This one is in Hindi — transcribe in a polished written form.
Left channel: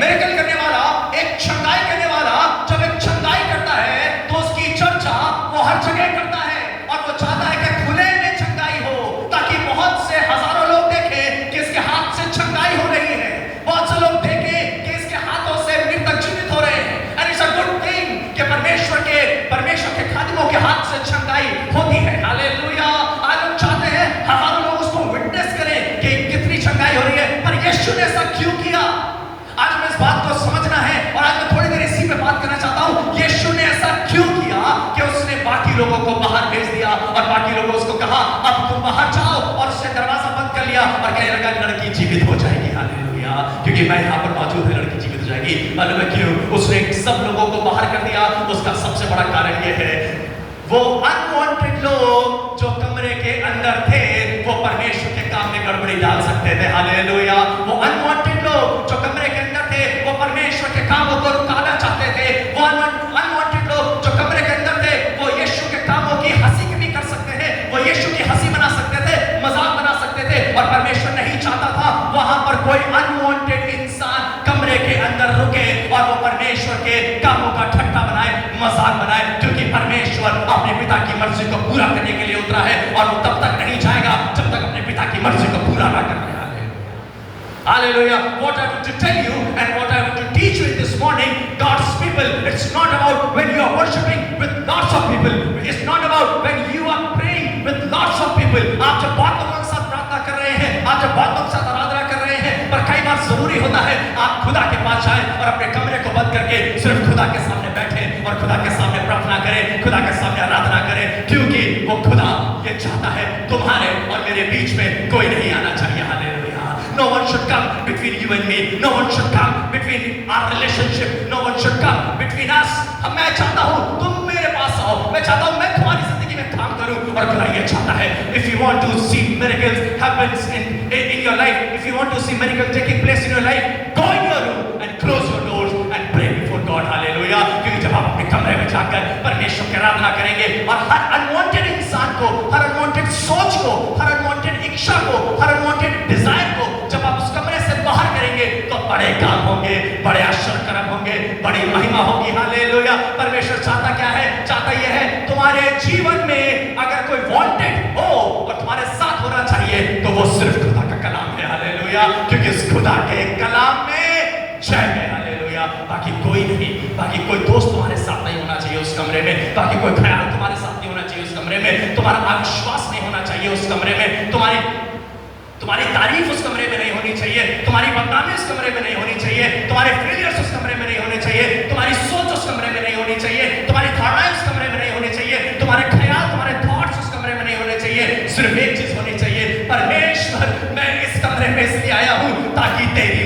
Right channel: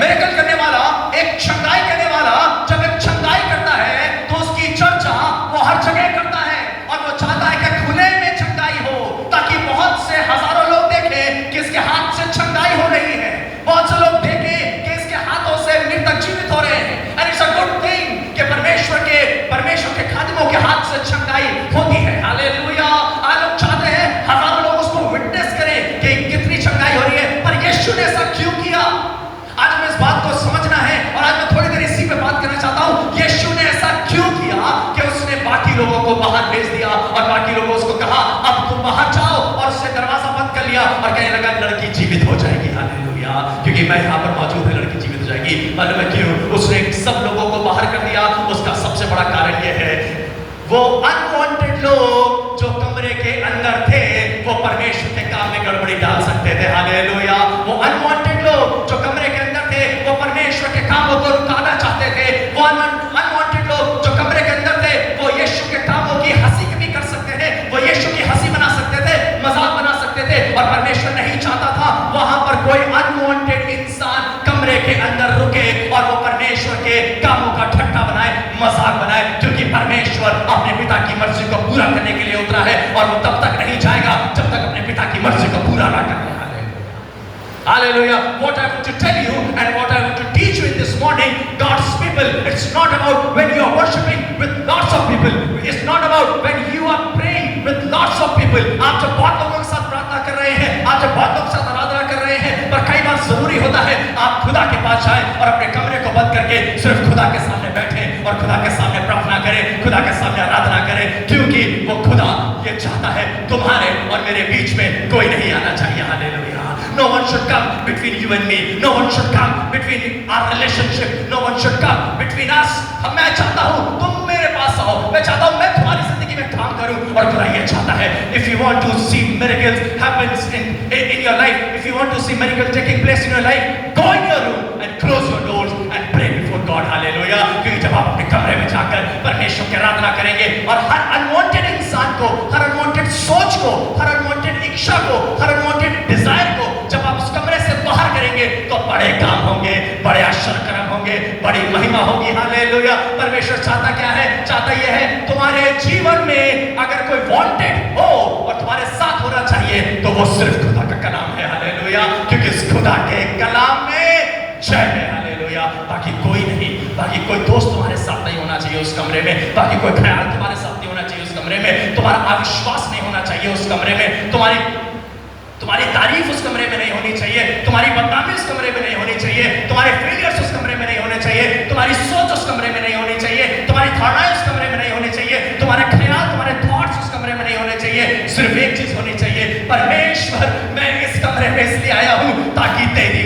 मिरेकल करने वाला, एक छंगाई करने वाला जब एक छंगाई करता है तो उसकी चर्चा वो हर जगह करता है और वो चाहता है कि खुले में छंगाई हो ताकि बहुत से हजारों लोग देखें कि इसके हाथ से छंगाई हो रही है, बहुत से लोग देखें कि इसके हाथों से मृतक जीवित हो रहे हैं। And it's a good thing कि परमेश्वर के खादिमों के हाथ से छंगाई होती है। हालेलुया। आज लोग चाहते हैं हजारों लोग उसको विटनेस करें कि कितनी छंगाई हो रही है, पर यीशु ने ऐसा क्यों किया? आज हमें इस बात को समझना है और आज मैं थोड़ी देर इसी पे बात करना चाहता हूं। यीशु ने ऐसा क्यों किया कि उसने बाकी लोगों को बाहर भेज दिया और बाकी लोगों उसको कहा अब तुम बाहर जाओ, और उसने दरवाजा बंद कर लिया और कहने लगा कि लड़की जीवित हो जाएगी। हालेलुया। क्योंकि मैं यहाँ पर मौजूद है, लड़की जीवित हो जाएगी। मालूम है क्यों उसने सब लोगों को बाहर कर दिया? उसका सबसे बड़ा कारण यह है, वो अनवांटेड लोग जो कमरे के अंदर थे वो परमेश्वर के काम में गड़बड़ी डाल सकते थे। हालेलुया। वो अनवांटेड लोग जो कमरे के अंदर थे वो परमेश्वर के कामों को रुकाना चाहते थे। वो अनवांटेड लोग जो कमरे के अंदर थे वो यीशु के कामों की हंसी भी कर सकते थे, वो यीशु की हंसी बना सकते थे, मजाक बना सकते थे, और परमेश्वर नहीं चाहता था वहां पर कोई अनवांटेड इंसान कमरे के अंदर रुके और वो परमेश्वर के कामों का ठट्टा बनाए, मजाक बनाए, क्योंकि परमेश्वर अपने पिता की मर्जी को पूरा करने के लिए उतरा है और वो तब तक नहीं जाएगा जब तक अपने पिता की मर्जी को पूरा ना कर ले। Hallelujah. What I want to tell you and what I want to teach you in this morning, God's people, it's not about when you are worshiping with lots of people. It's not about when you are praying with lots of people. आप जब बहुत लोगों के साथ प्रार्थना कर रहे हैं, आप जब बहुत लोगों के साथ आराधना कर रहे हैं, पर कई बार जरूरी होता है आप खुदा के पास जाएं और अपने कमरे को बंद करके सिर्फ खुदा के सामने बैठे और खुदा के सामने प्रार्थना करें, खुदा के सामने आराधना करें, क्योंकि वो खुदा ये चाहता है तुम्हारे और मेरे बीच में कोई नहीं आना चाहिए। Hallelujah. No one should come between you and me. No one should come between our relationship. No one should come between us. मैं चाहता हूँ तुम मेरे पास आओ, मैं चाहता हूँ मैं तुम्हारी जिंदगी में काम करूँ, और खुदा ये चाहता है if you want to see miracles happens in your life, if you want to see miracles taking place in your life, go in your room and close your doors and pray before God. Hallelujah. क्योंकि जब आप अपने कमरे में जाकर परमेश्वर की आराधना करेंगे और हर अनवांटेड इंसान को, हर अनवांटेड सोच को, हर अनवांटेड इच्छा को, हर अनवांटेड डिजायर को जब आप उस कमरे से बाहर करेंगे तो बड़े काम होंगे, बड़े आश्चर्यकर्म होंगे, बड़ी महिमा होगी। हालेलुया। परमेश्वर चाहता क्या है? चाहता यह है तुम्हारे जीवन में अगर कोई वांटेड हो और तुम्हारे साथ होना चाहिए तो वो सिर्फ खुदा का कलाम है। हालेलुया। क्योंकि इस खुदा के कलाम में जय है। हालेलुया। बाकी कोई नहीं, बाकी कोई दोस्त तुम्हारे साथ नहीं होना चाहिए उस कमरे में, बाकी कोई ख्याल तुम्हारे साथ नहीं होना चाहिए उस कमरे में, तुम्हारा अविश्वास नहीं होना चाहिए उस कमरे में, तुम्हारी तारीफ उस कमरे में नहीं होनी चाहिए, तुम्हारी बदनामी उस कमरे में नहीं होनी चाहिए, तुम्हारे फेलियर्स उस कमरे में नहीं होने चाहिए, तुम्हारी सोच उस कमरे में नहीं होनी चाहिए, तुम्हारी धारणाएं उस कमरे में नहीं होनी चाहिए, तुम्हारे ख्याल, तुम्हारे थॉट्स उस कमरे में नहीं होने चाहिए। सिर्फ एक चीज होनी चाहिए, परमेश्वर मैं इस कमरे में इसलिए आया हूं ताकि तेरी